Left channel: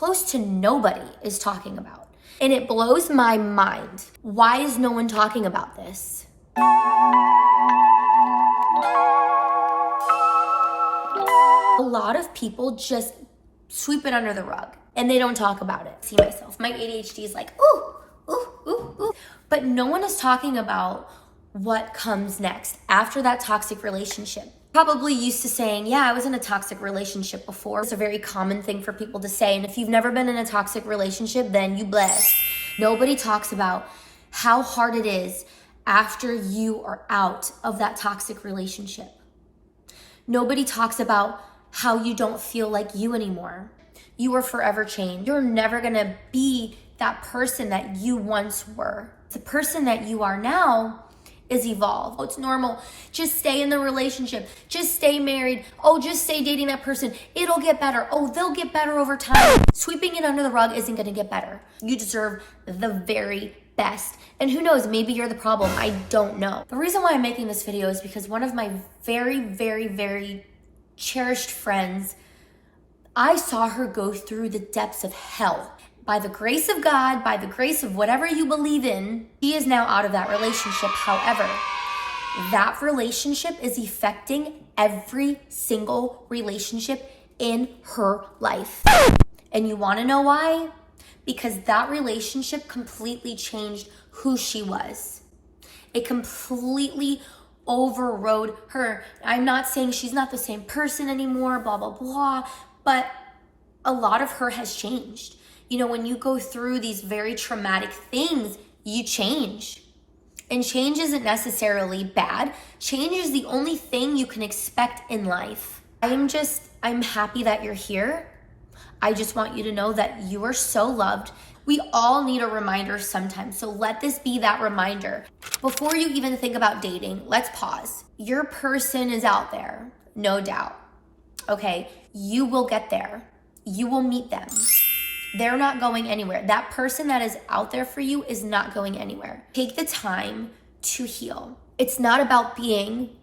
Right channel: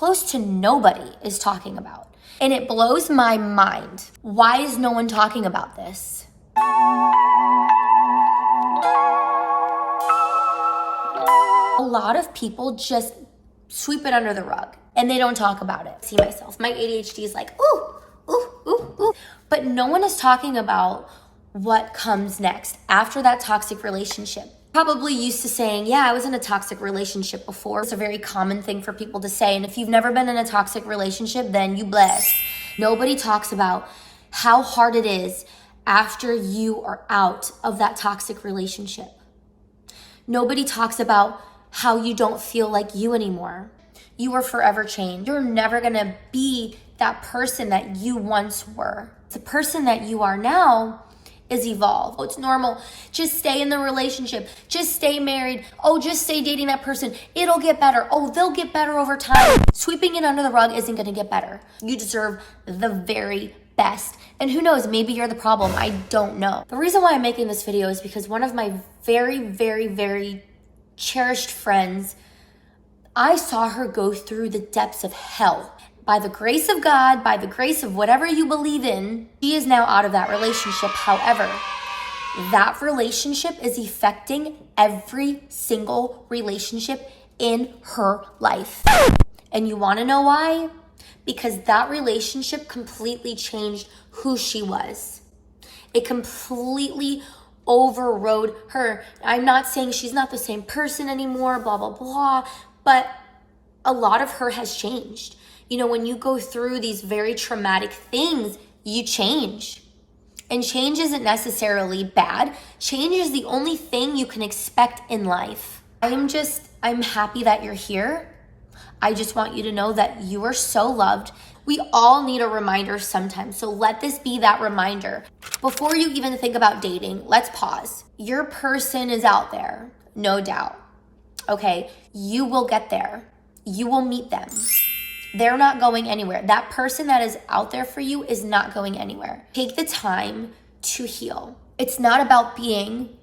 close to nobody is talking about. And it blows my mind. Why is no one talking about this? A lot of people just sweep it under the rug and they don't talk about it. See myself, my ADHD is like, ooh, ooh, ooh, ooh. But no one is talking about what comes next after that toxic relationship. Probably used to saying, yeah, I was in a toxic relationship before. It's a very common thing for people to say. And if you've never been in a toxic relationship, then you blessed. Nobody talks about how hard it is after you are out of that toxic relationship. Nobody talks about how you don't feel like you anymore. You are forever changed. You're never gonna be that person that you once were. The person that you are now is evolved. It's normal. Just stay in the relationship. Just stay married. Oh, just stay dating that person. It'll get better. Oh, they'll get better over time. Sweeping it under the rug isn't gonna get better. You deserve the very best. And who knows, maybe you're the problem. I don't know. The reason why I'm making this video is because one of my very, very, very cherished friends, I saw her go through the depths of hell. By the grace of God, by the grace of whatever you believe in, she is now out of that relationship. However, that relationship is affecting every single relationship in her life. And you want to know why? Because that relationship completely changed who she was. It completely overrode her. I'm not saying she's not the same person anymore, blah, blah, blah, but a lot of her has changed. You know, when you go through these very traumatic things, you change. And change isn't necessarily bad. Change is the only thing you can expect in life. I'm happy that you're here. I just want you to know that you are so loved. We all need a reminder sometimes, so let this be that reminder. Before you even think about dating, let's pause. Your person is out there, no doubt. Okay, you will get there. You will meet them. They're not going anywhere. That person that is out there for you is not going anywhere. Take the time to heal. It's not about being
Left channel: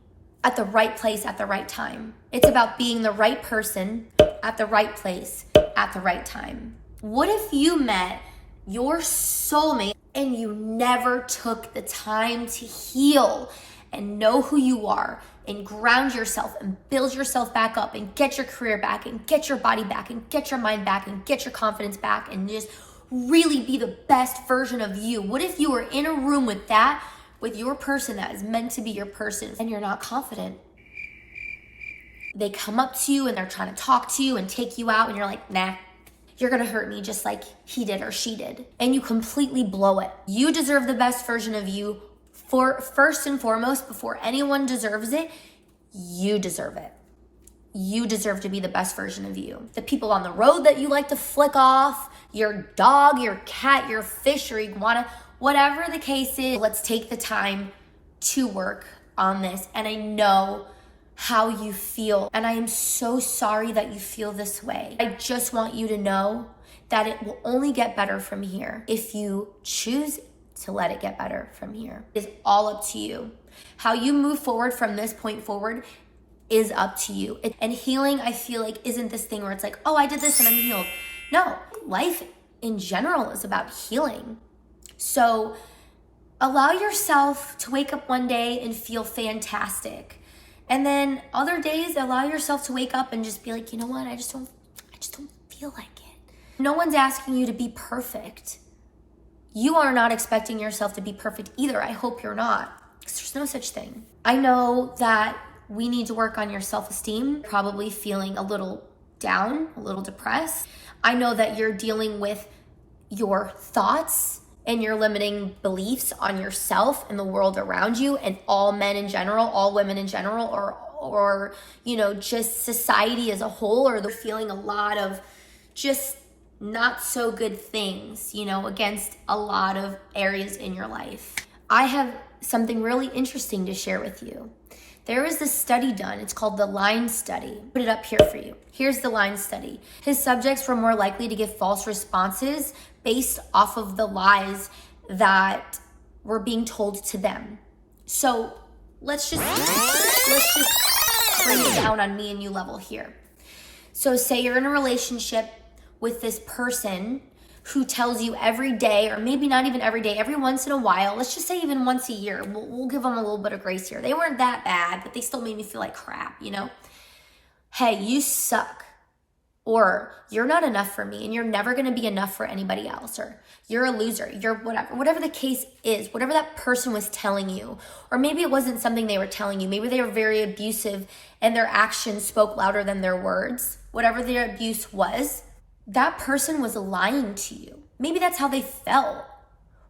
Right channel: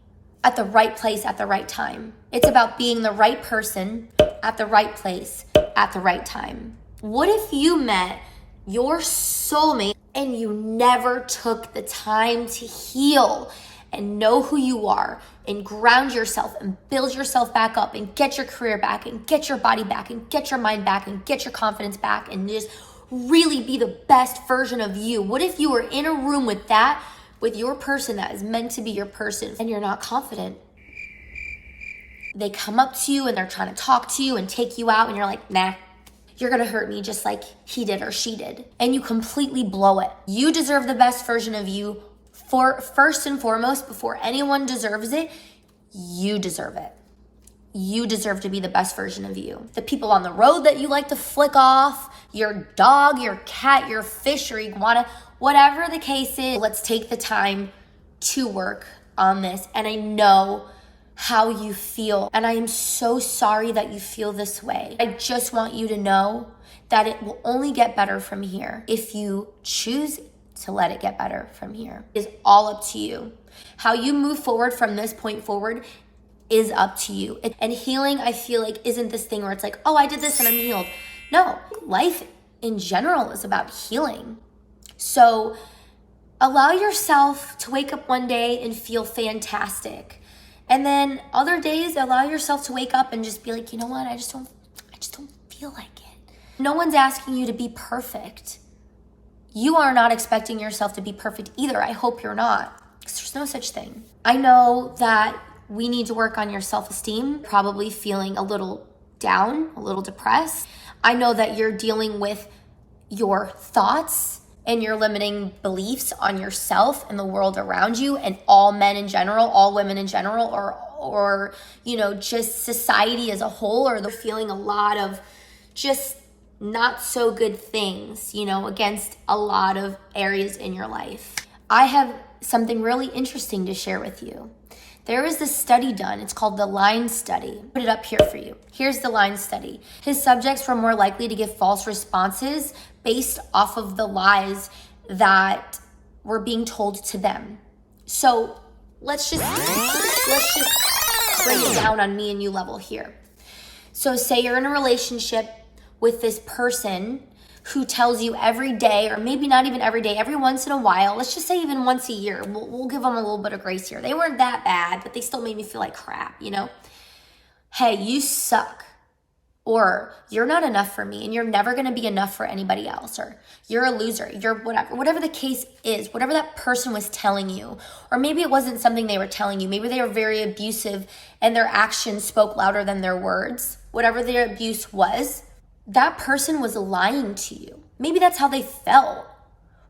at the right place at the right time. It's about being the right person at the right place at the right time. What if you met your soulmate and you never took the time to heal and know who you are and ground yourself and build yourself back up and get your career back and get your body back and get your mind back and get your confidence back and just really be the best version of you? What if you were in a room with your person that is meant to be your person and you're not confident? They come up to you and they're trying to talk to you and take you out and you're like, nah, you're gonna hurt me just like he did or she did. And you completely blow it. You deserve the best version of you. For first and foremost, before anyone deserves it, you deserve it. You deserve to be the best version of you. The people on the road that you like to flick off, your dog, your cat, your fish, your iguana, whatever the case is, let's take the time to work on this. And I know how you feel, and I am so sorry that you feel this way. I just want you to know that it will only get better from here if you choose to let it get better from here. It's all up to you. How you move forward from this point forward is up to you. And healing, I feel like, isn't this thing where it's like, oh, I did this and I'm healed. No, life in general is about healing. So allow yourself to wake up one day and feel fantastic. And then other days, allow yourself to wake up and just be like, you know what? I just don't feel like it. No one's asking you to be perfect. You are not expecting yourself to be perfect either. I hope you're not, because there's no such thing. I know that we need to work on your self-esteem, probably feeling a little down, a little depressed. I know that you're dealing with your thoughts and your limiting beliefs on yourself and the world around you and all men in general, all women in general, or you know, just society as a whole, or they're feeling a lot of just not so good things, you know, against a lot of areas in your life. I have something really interesting to share with you. There is this study done. It's called the Line Study. Put it up here for you. Here's the Line Study. His subjects were more likely to give false responses based off of the lies that were being told to them. So let's just break it down on me and you level here. So say you're in a relationship with this person who tells you every day, or maybe not even every day, every once in a while, let's just say even once a year, we'll give them a little bit of grace here. They weren't that bad, but they still made me feel like crap, you know? Hey, you suck. Or you're not enough for me and you're never going to be enough for anybody else. Or you're a loser, you're whatever the case is, whatever that person was telling you. Or maybe it wasn't something they were telling you. Maybe they were very abusive and their actions spoke louder than their words. Whatever their abuse was, that person was lying to you. Maybe that's how they felt.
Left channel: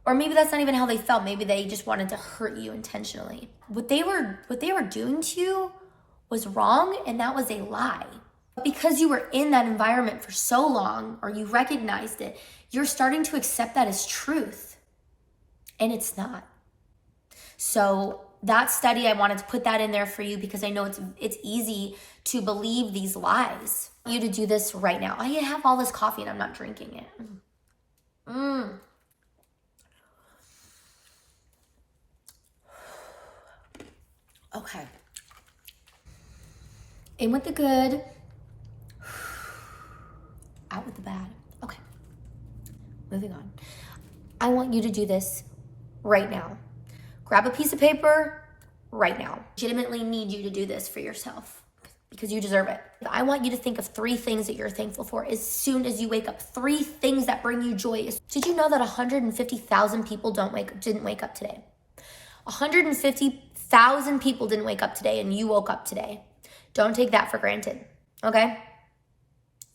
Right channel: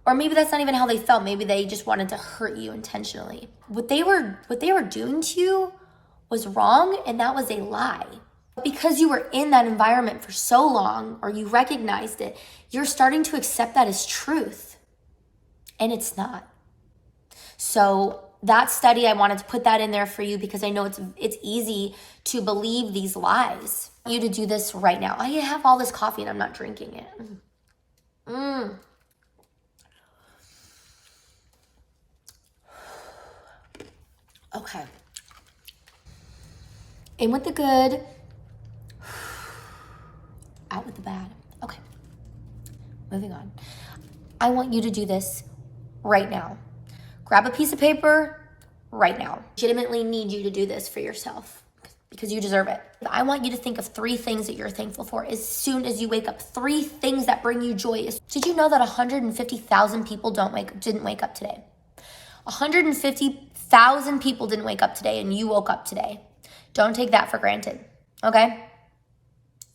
Or maybe that's not even how they felt. Maybe they just wanted to hurt you intentionally. What they were doing to you was wrong, and that was a lie. Because you were in that environment for so long, or you recognized it, you're starting to accept that as truth. And it's not. So that study, I wanted to put that in there for you because I know it's easy to believe these lies. You to do this right now. I have all this coffee and I'm not drinking it. Okay. In with the good, out with the bad. Okay. Moving on. I want you to do this right now. Grab a piece of paper right now. Legitimately need you to do this for yourself because you deserve it. I want you to think of 3 things that you're thankful for as soon as you wake up. 3 things that bring you joy. Did you know that 150,000 people didn't wake up today? 150,000 people didn't wake up today and you woke up today. Don't take that for granted, okay?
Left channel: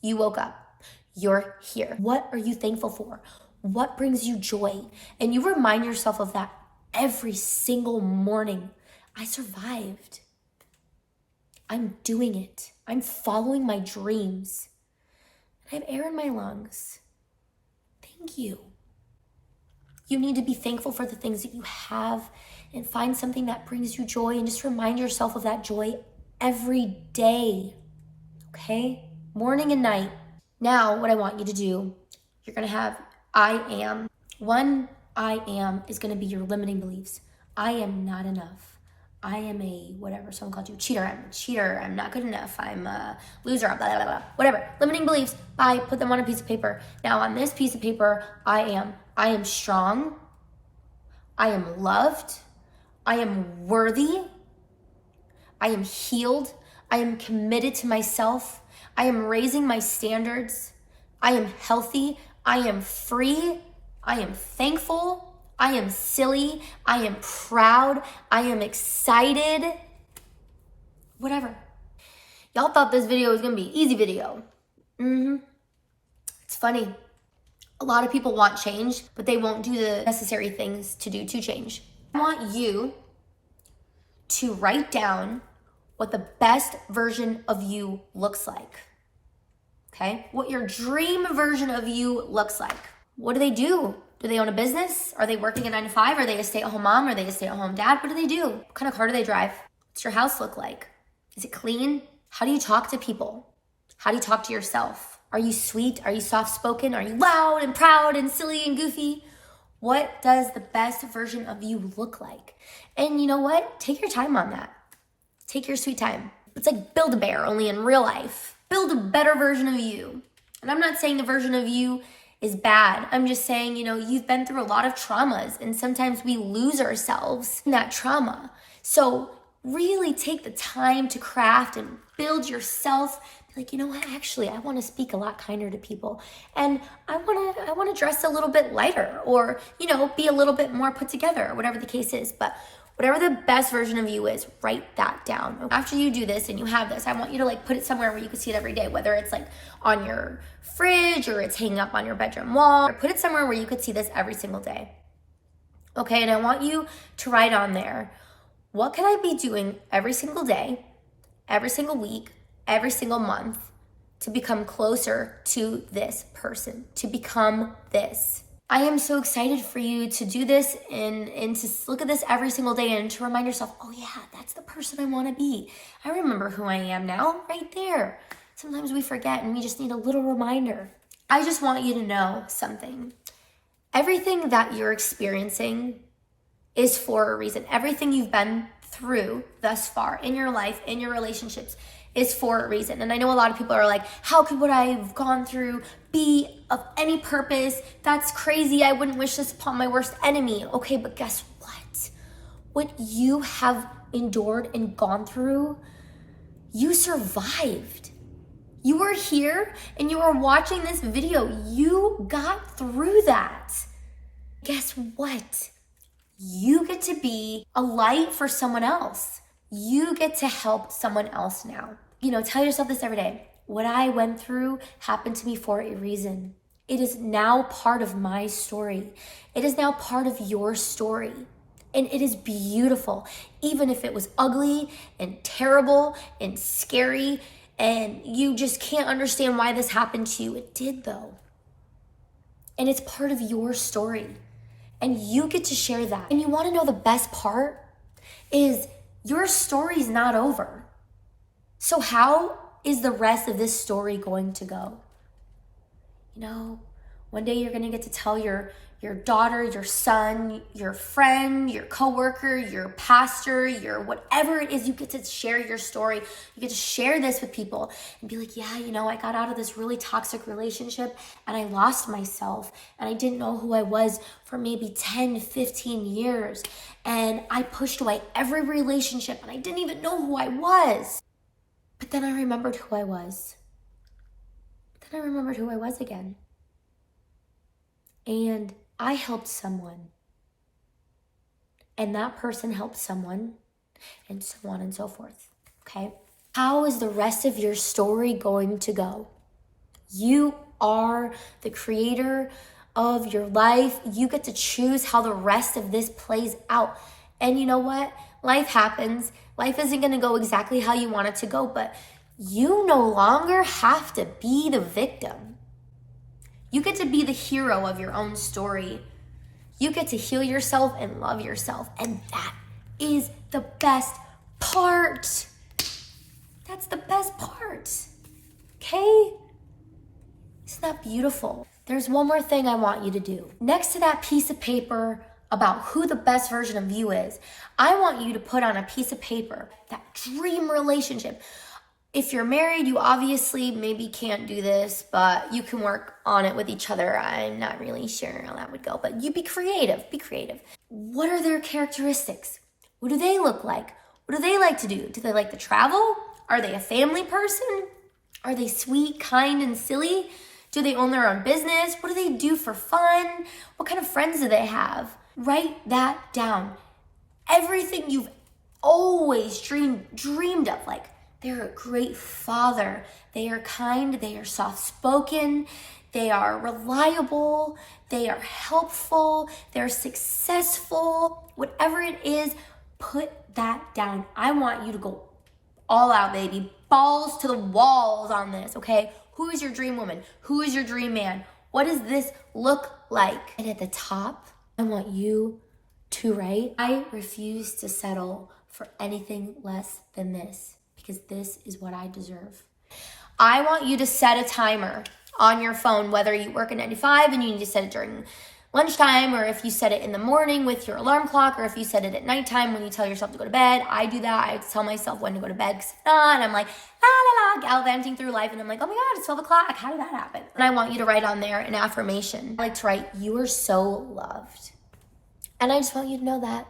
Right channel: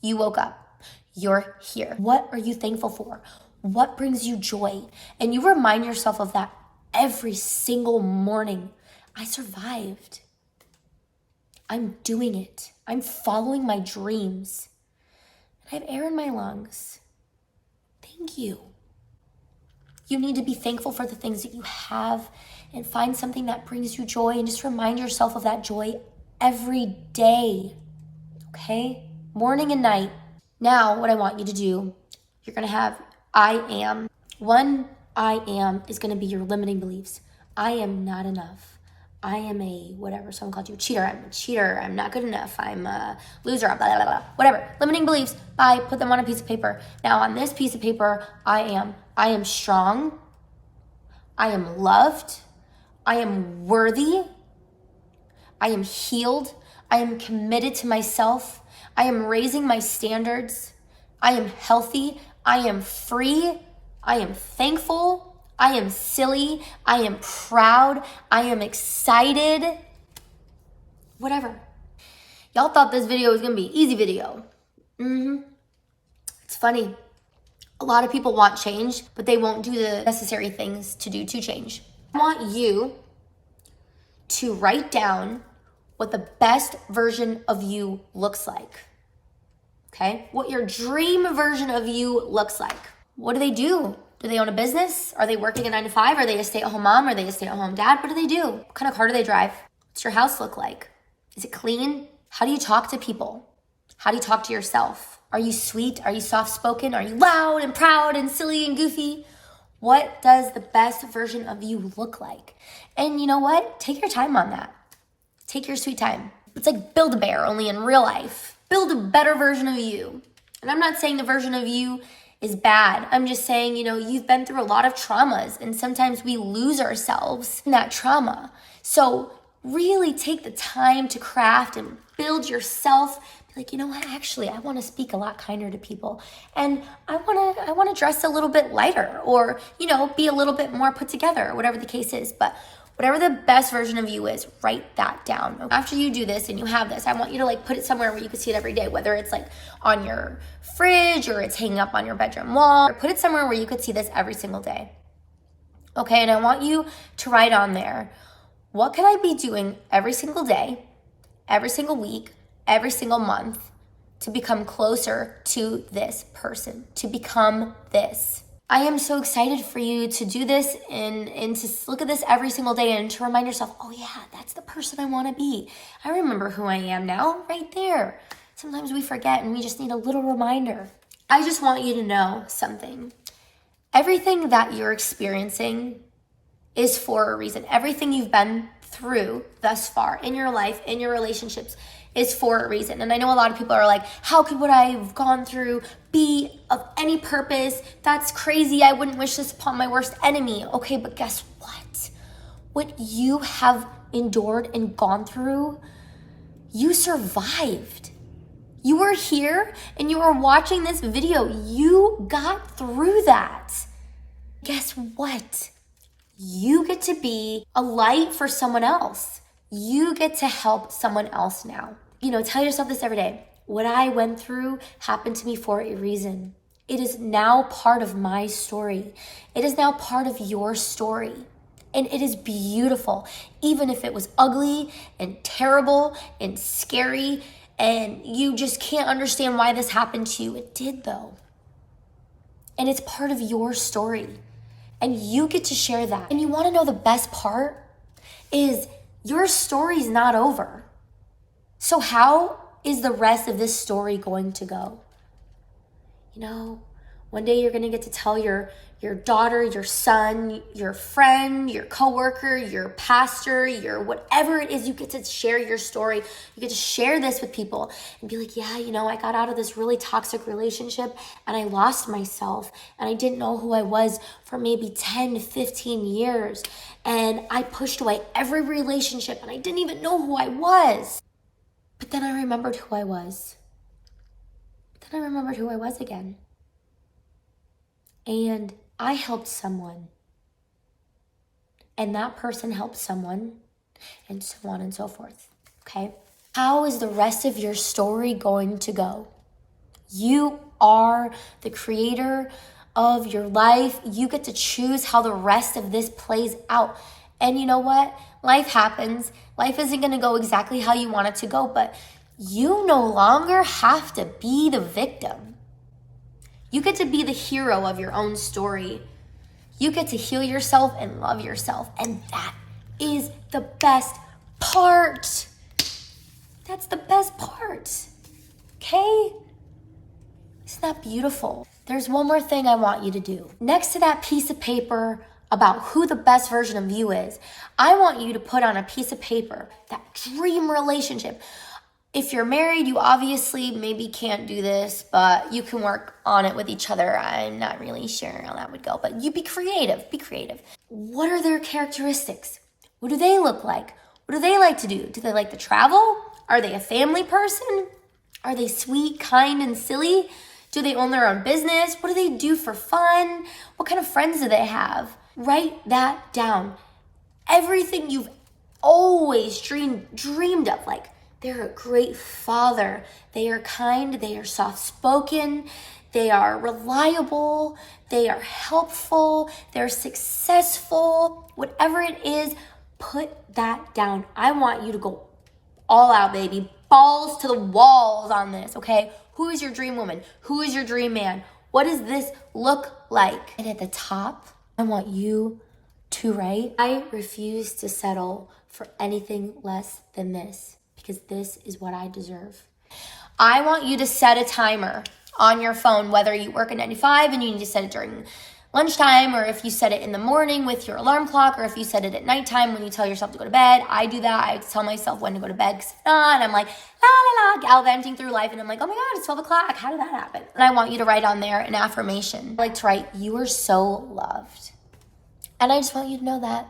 You woke up. You're here. What are you thankful for? What brings you joy? And you remind yourself of that every single morning. I survived. I'm doing it. I'm following my dreams. I have air in my lungs. Thank you. You need to be thankful for the things that you have and find something that brings you joy and just remind yourself of that joy every day. Okay? Morning and night. Now, what I want you to do, you're going to have I am. One I am is going to be your limiting beliefs. I am not enough. I am a whatever. Someone called you a cheater. I'm a cheater. I'm not good enough. I'm a loser. Blah, blah, blah, blah. Whatever. Limiting beliefs. Bye. Put them on a piece of paper. Now, on this piece of paper, I am strong. I am loved. I am worthy. I am healed. I am committed to myself. I am raising my standards. I am healthy. I am free. I am thankful. I am silly. I am proud. I am excited. Whatever. Y'all thought this video was going to be an easy video. It's funny. A lot of people want change, but they won't do the necessary things to do to change. I want you to write down what the best version of you looks like. Okay? What your dream version of you looks like. What do? Do they own a business? Are they working a 9 to 5? Are they a stay-at-home mom? Are they a stay-at-home dad? What do they do? What kind of car do they drive? What's your house look like? Is it clean? How do you talk to people? How do you talk to yourself? Are you sweet? Are you soft-spoken? Are you loud and proud and silly and goofy? What does the best version of you look like? And you know what? Take your time on that. Take your sweet time. It's like Build-A-Bear, only in real life. Build a better version of you. And I'm not saying the version of you is bad. I'm just saying, you've been through a lot of traumas and sometimes we lose ourselves in that trauma. So really take the time to craft and build yourself. Be like, you know what, actually, I want to speak a lot kinder to people. And I want to dress a little bit lighter or, be a little bit more put together or whatever the case is. But whatever the best version of you is, write that down. After you do this and you have this, I want you to put it somewhere where you can see it every day, whether it's on your fridge or it's hanging up on your bedroom wall, or put it somewhere where you could see this every single day. Okay, and I want you to write on there, what can I be doing every single day, every single week, every single month to become closer to this person, to become this. I am so excited for you to do this and to look at this every single day and to remind yourself, oh yeah, that's the person I want to be. I remember who I am now, right there. Sometimes we forget and we just need a little reminder. I just want you to know something. Everything that you're experiencing is for a reason. Everything you've been through thus far in your life, in your relationships, is for a reason. And I know a lot of people are like, how could what I've gone through be of any purpose? That's crazy. I wouldn't wish this upon my worst enemy. Okay, but guess what? What you have endured and gone through, you survived. You were here and you were watching this video. You got through that. Guess what? You get to be a light for someone else. You get to help someone else now. Tell yourself this every day. What I went through happened to me for a reason. It is now part of my story. It is now part of your story. And it is beautiful, even if it was ugly and terrible and scary and you just can't understand why this happened to you. It did though. And it's part of your story. And you get to share that. And you want to know the best part is your story's not over. So how is the rest of this story going to go? One day you're going to get to tell your daughter, your son, your friend, your coworker, your pastor, your whatever it is, you get to share your story. You get to share this with people and be like, yeah, I got out of this really toxic relationship and I lost myself and I didn't know who I was for maybe 10, 15 years. And I pushed away every relationship and I didn't even know who I was. But then I remembered who I was. Then I remembered who I was again. And I helped someone. And that person helped someone. And so on and so forth. Okay? How is the rest of your story going to go? You are the creator of your life. You get to choose how the rest of this plays out. And you know what? Life happens. Life isn't going to go exactly how you want it to go, but you no longer have to be the victim. You get to be the hero of your own story. You get to heal yourself and love yourself. And that is the best part. That's the best part. Okay? Isn't that beautiful? There's one more thing I want you to do. Next to that piece of paper about who the best version of you is, I want you to put on a piece of paper that dream relationship. If you're married, you obviously maybe can't do this, but you can work on it with each other. I'm not really sure how that would go, but you be creative. Be creative. What are their characteristics? What do they look like? What do they like to do? Do they like to travel? Are they a family person? Are they sweet, kind, and silly? Do they own their own business? What do they do for fun? What kind of friends do they have? Write that down. Everything you've always dreamed of, like they're a great father, they are kind, they are soft-spoken, they are reliable, they are helpful, they're successful, whatever it is, put that down. I want you to go all out, baby. Balls to the walls on this, okay? Who is your dream woman? Who is your dream man? What does this look like? And at the top, I want you to write, I refuse to settle for anything less than this because this is what I deserve. I want you to set a timer on your phone, whether you work a 9 to 5 and you need to set it during lunchtime, or if you set it in the morning with your alarm clock, or if you set it at nighttime when you tell yourself to go to bed. I do that. I tell myself when to go to bed because if not, I'm like, la la la, gallivanting through life, and I'm like, oh my God, it's 12 o'clock. How did that happen? And I want you to write on there an affirmation. I like to write, you are so loved. And I just want you to know that.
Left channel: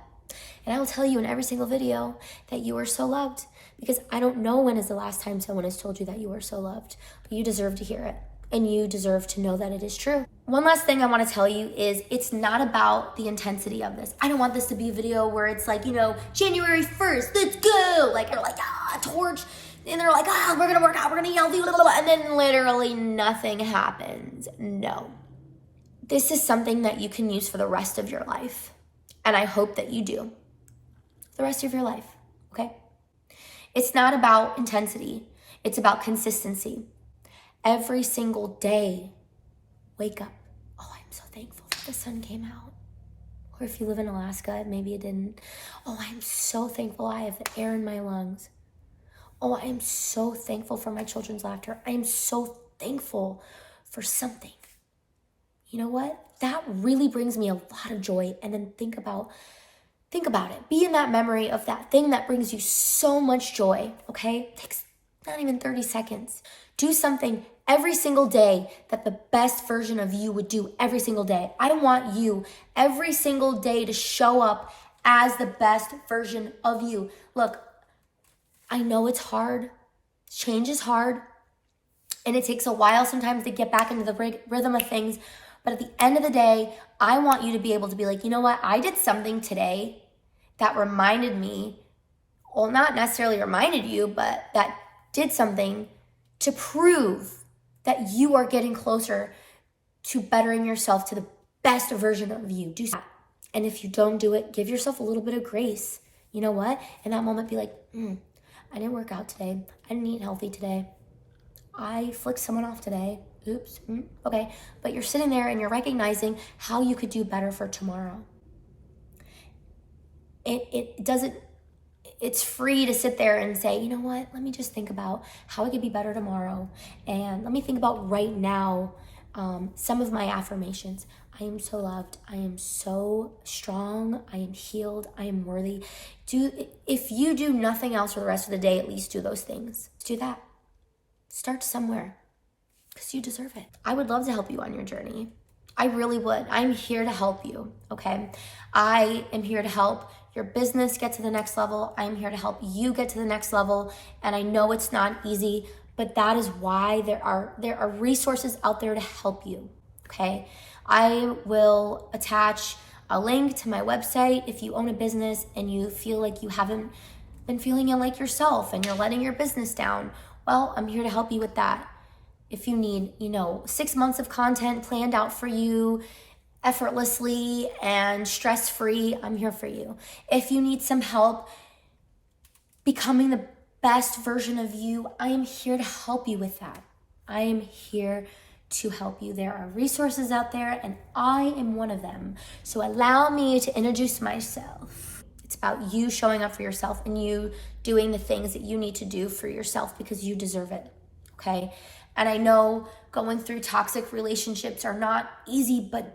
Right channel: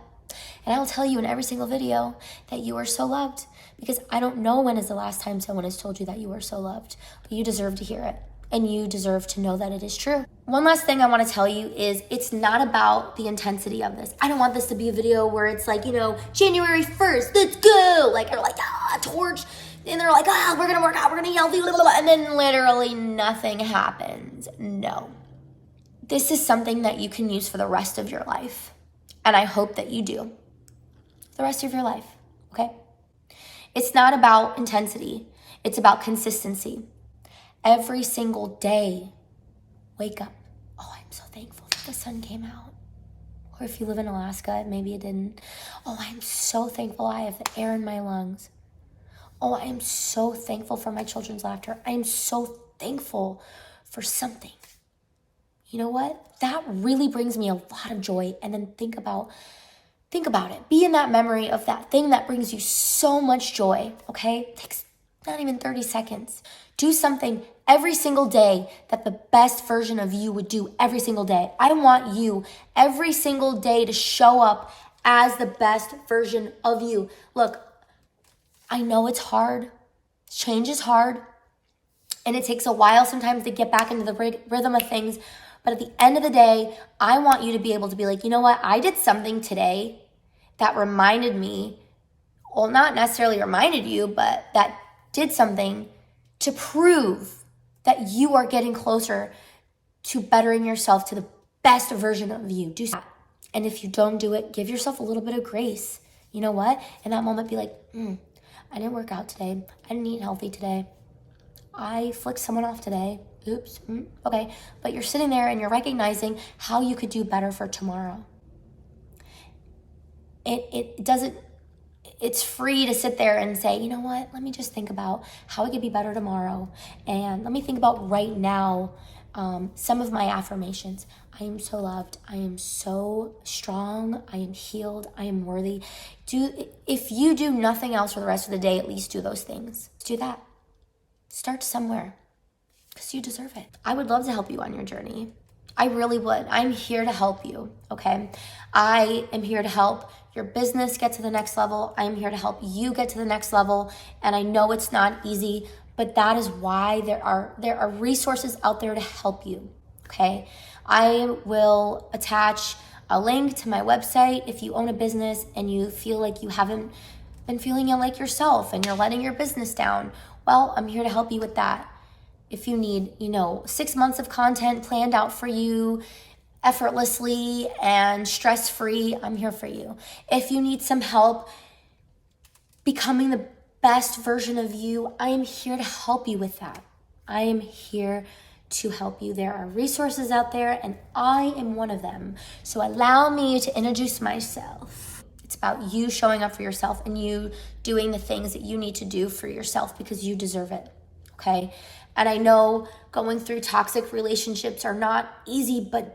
And I'll tell you in every single video that you are so loved, because I don't know when is the last time someone has told you that you are so loved, but you deserve to hear it. And you deserve to know that it is true. One last thing I want to tell you is it's not about the intensity of this. I don't want this to be a video where it's like, January 1st, let's go. Like, they're like, torch. And they're like, we're going to work out, we're going to yell, and then literally nothing happens. No. This is something that you can use for the rest of your life. And I hope that you do. The rest of your life, okay? It's not about intensity. It's about consistency. Every single day, wake up. Oh, I'm so thankful that the sun came out. Or if you live in Alaska, maybe it didn't. Oh, I'm so thankful I have the air in my lungs. Oh, I am so thankful for my children's laughter. I am so thankful for something. You know what? That really brings me a lot of joy. And then think about it. Be in that memory of that thing that brings you so much joy, okay? not even 30 seconds. Do something every single day that the best version of you would do every single day. I want you every single day to show up as the best version of you. Look, I know it's hard. Change is hard. And it takes a while sometimes to get back into the rhythm of things. But at the end of the day, I want you to be able to be like, you know what? I did something today that reminded me, well, not necessarily reminded you, but that did something to prove that you are getting closer to bettering yourself to the best version of you. Do that. And if you don't do it, give yourself a little bit of grace. You know what? In that moment, be like, I didn't work out today. I didn't eat healthy today. I flicked someone off today. Oops. Okay. But you're sitting there and you're recognizing how you could do better for tomorrow. It doesn't, it's free to sit there and say, you know what? Let me just think about how I could be better tomorrow. And let me think about right now some of my affirmations. I am so loved. I am so strong. I am healed. I am worthy. If you do nothing else for the rest of the day, at least do those things. Do that. Start somewhere because you deserve it. I would love to help you on your journey. I really would. I'm here to help you, okay? I am here to help your business get to the next level. I'm here to help you get to the next level. And I know it's not easy, but that is why there are resources out there to help you, okay? I will attach a link to my website if you own a business and you feel like you haven't been feeling it like yourself and you're letting your business down. Well, I'm here to help you with that. If you need, 6 months of content planned out for you effortlessly and stress-free, I'm here for you. If you need some help becoming the best version of you, I am here to help you with that. I am here to help you. There are resources out there and I am one of them. So allow me to introduce myself. It's about you showing up for yourself and you doing the things that you need to do for yourself because you deserve it, okay? And I know going through toxic relationships are not easy, but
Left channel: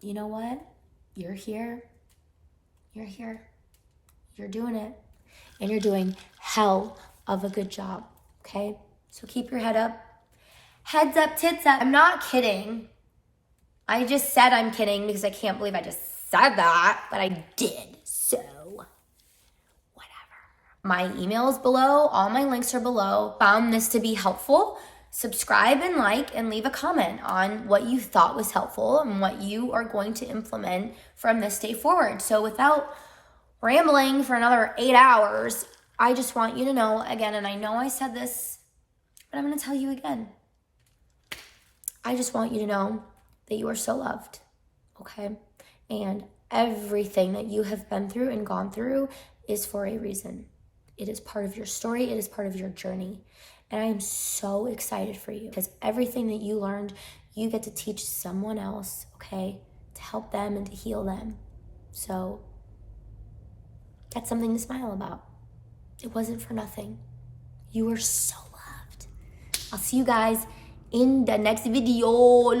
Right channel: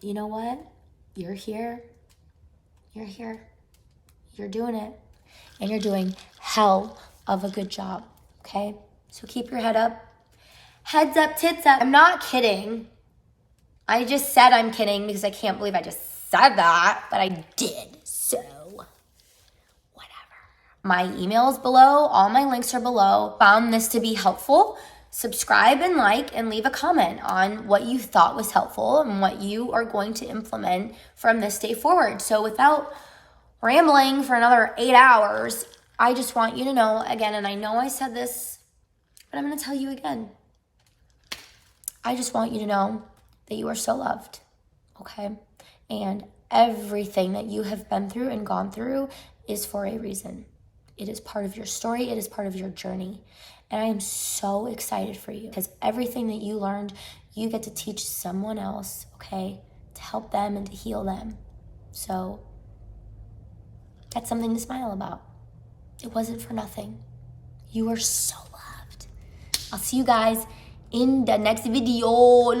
you know what? You're here. You're here. You're doing it. And you're doing hell of a good job, okay? So keep your head up. Heads up, tits up. I'm not kidding. I just said I'm kidding because I can't believe I just said that, but I did. So, whatever. My email is below. All my links are below. Found this to be helpful. Subscribe and like and leave a comment on what you thought was helpful and what you are going to implement from this day forward. So without rambling for another 8 hours, I just want you to know again, and I know I said this, but I'm going to tell you again. I just want you to know that you are so loved, okay? And everything that you have been through and gone through is for a reason. It is part of your story. It is part of your journey. And I am so excited for you because everything that you learned, you get to teach someone else, okay, to help them and to heal them. So that's something to smile about. It wasn't for nothing. You are so loved. I'll see you guys in the next video.